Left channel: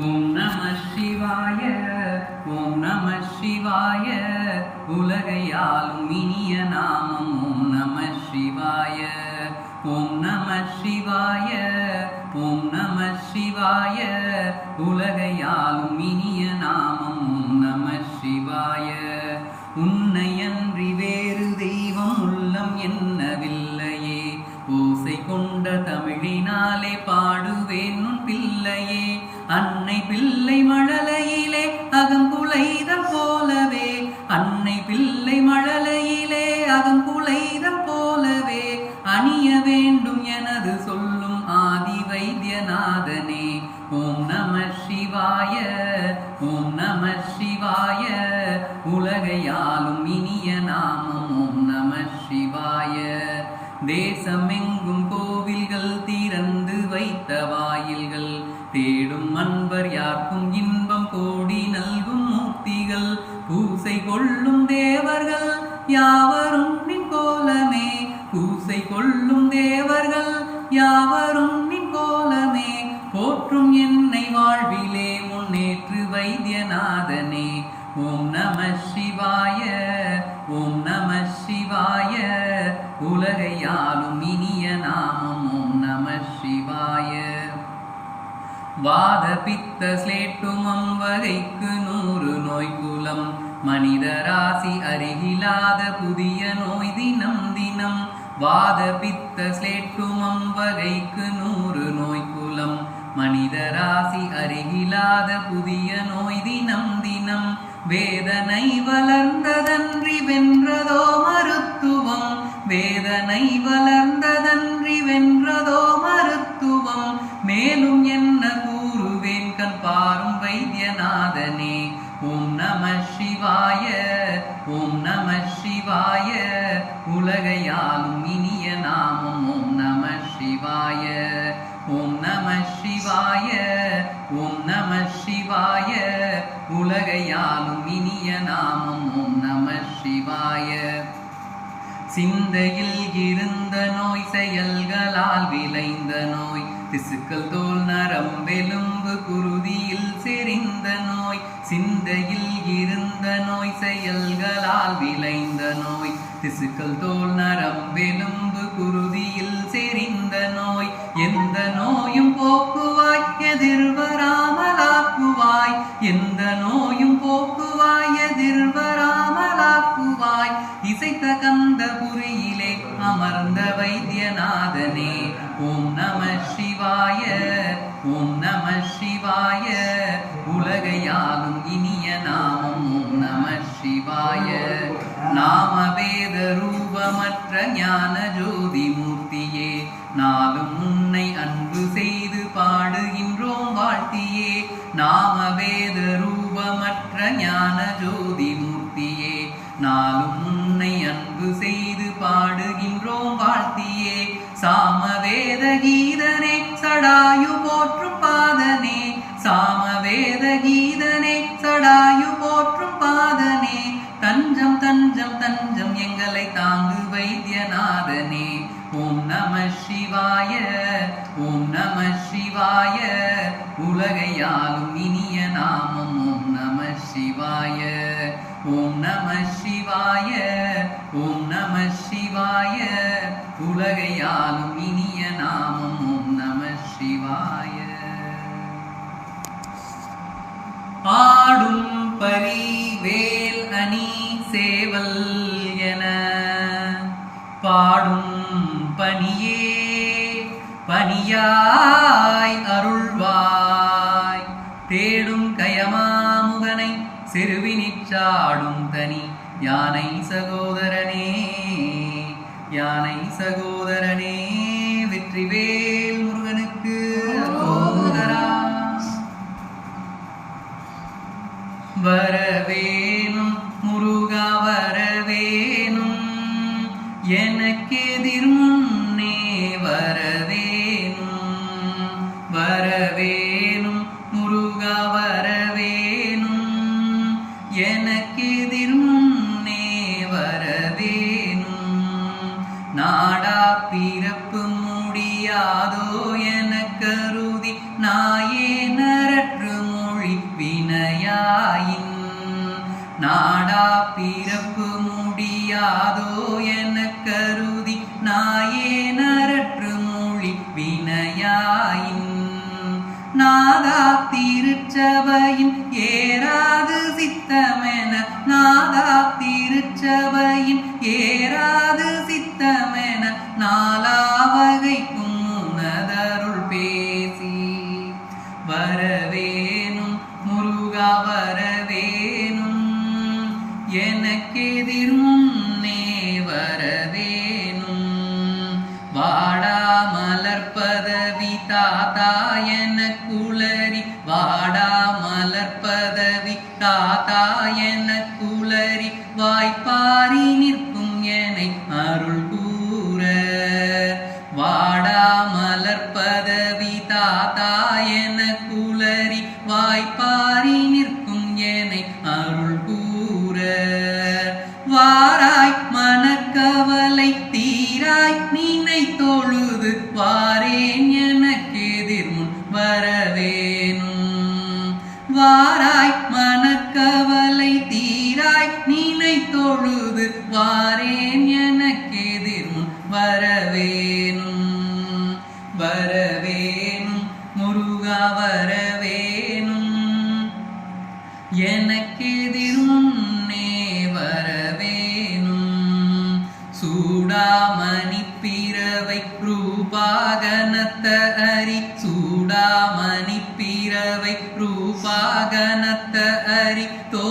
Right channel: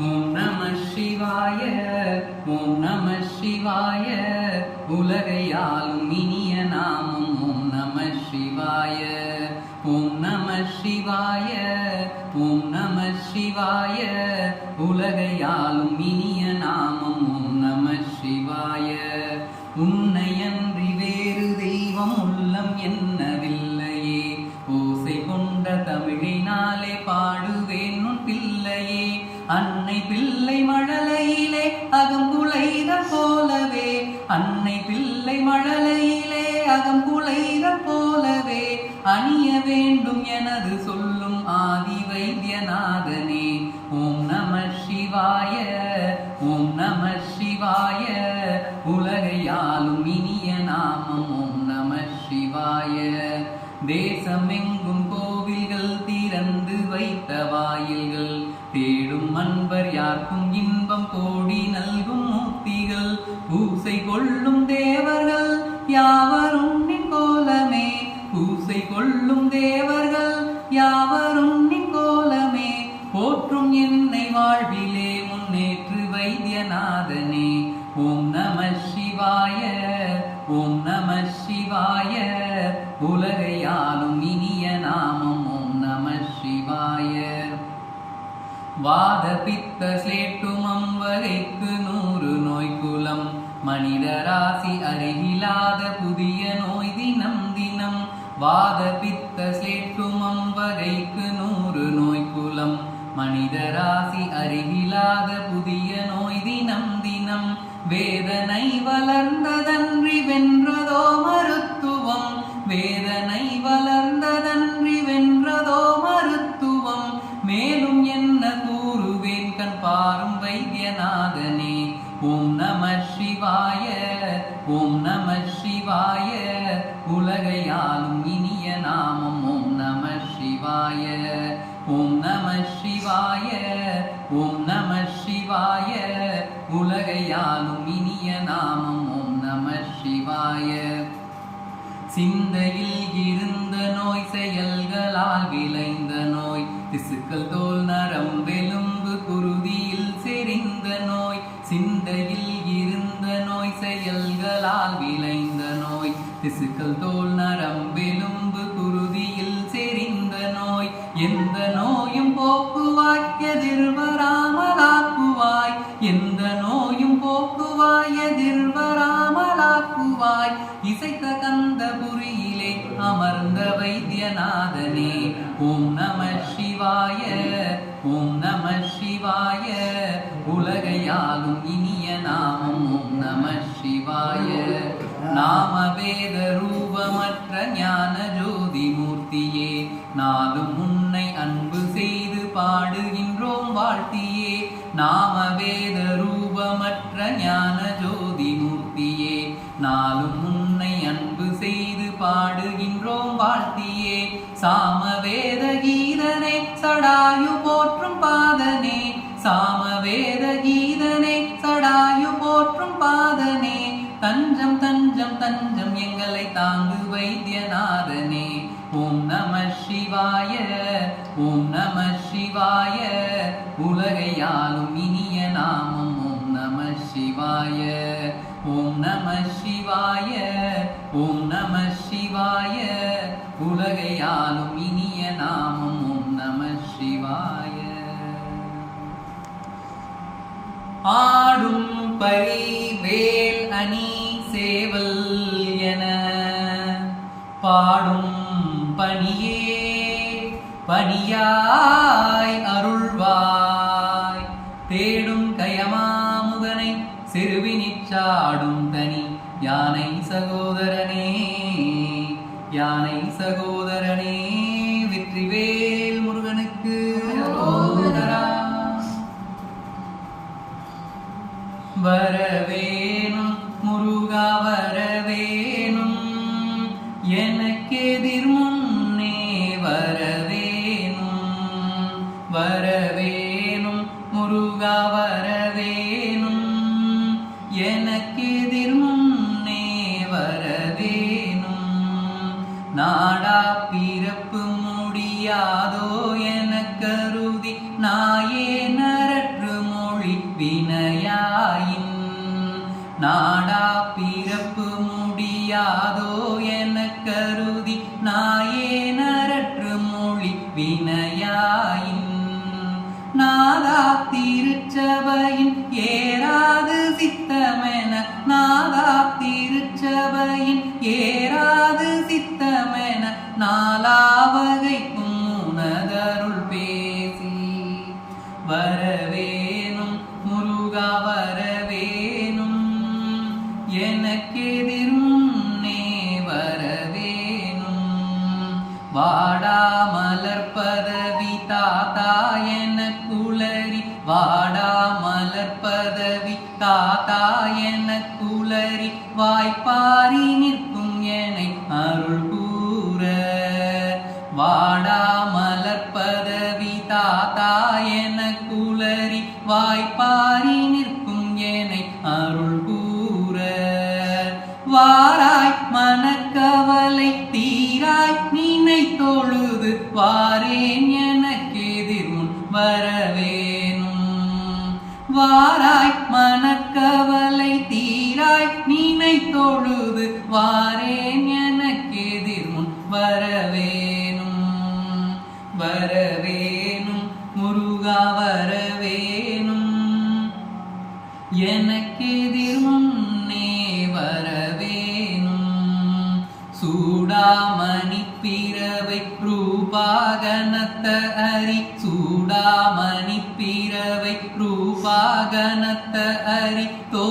ஓம் நம சிவாய ஓம் நம சிவாய. உலகையாலும் இனிய நாமம் ஓம் நம சிவாய. ஓம் நம சிவாய ஓம் நம சிவாய. உலகையாலும் இனிய அன்னை மழலையிலே அகம் அகங்குலைத போலவே அணிய வேண்டும் எனது சொல் என்னை வாழ்விலே முன்னேற்று வைத்தியநாதனே. ஓம் நம சிவாய ஓம் நம சிவாய. உலகையாலும் இனிய நாமம் ஓம் நம சிவாய. வாத பித்த ஸ்லேட்டுமம் வகைக்கு நூறு நோய் குலம். மனித ராசி அருகிலாத புதிய நோய் தினம் தினம். வாத பித்த ஸ்லேட்டுமம் வகைக்கு நூறு இல்லாத புதிய நோய் தினம் தினம் வேதனை வளர்ந்ததன்றி வென்றதோ மருத்துவம். வேதனை வளர்ந்ததன்றி வென்றதோ மருத்துவம். மேலும் என்ன கூறுவேன் கண் பாரும் வைத்தியநாதனே. ஓம் நம சிவாய ஓம் நம சிவாய. உலகையாலும் இனிய நாமம் ஓம் நம சிவாய ஓம் நம சிவாய. சிவாய உலகையாலும் இனிய நாமம் ஓம் நம சிவாய. சிந்தையில் இருந்த நோய் செயல்களால் விளைந்த நோய் திசுக்கள் தோல் நரம்பெலும்பு குருதியில் செறிந்த நோய் சிந்தையில் இருந்த நோய் செயல்களால் விளைந்த நோய் திசுக்கள் தோல் நரம்பெலும்பு நாளும் உன்னை அன்பு செய்து பாடுகின்றோம் வாழ்த்தியே. நாம வேத ரூபமற்ற ஞான ஜோதி மூர்த்தியே. நாளும் உன்னை அன்பு செய்து பாடுகின்றோம் வாழ்த்தியே. சாமவேத கீதனே சடாயு போற்றும் பாதனே. சாம ஓம் நம சிவாய ஓம் நம சிவாய. உலகையாலும் இனிய நாமம் ஓம் நம சிவாய. ஆடும் பரி வேல் அணி சேவல் என பாடும் பணியே பணியாய் அருள்வாய். தேடும் கயமாமுகனை சிறுவி யானை சகோதரனே யானை சகோதரனே வெற்றிவேல் നാടാ പീരപ്പ முருகா வரவேணும். எனக்கெதிர் முன்னே வரவேணும். வாடா மலர் பதவி தாத்தா என குளறி. வாடா மலர் பதவி தாத்தா என குளறி. வாய்ப்பாரி நிற்கும் என அருள் கூற. வாடா மலர் பதவி தாத்தா என குளறி. வாய்ப்பாரி பொழுது வாரேன் எனக்கு எதிர் முன் வரவேணும். வாராய் மனக்கவலை தீராய் நீனை தொழுது வாரேன் எனக்கு எதிர் முன் வரவேணும். வரவேணும் முருகா வரவேணும். எனக்கெதிர் முன்னே வரவேணும். சூடாமணி ரூபாகனத்த அரி சூடாமணி பிறவை ரூபாகனத்த அரி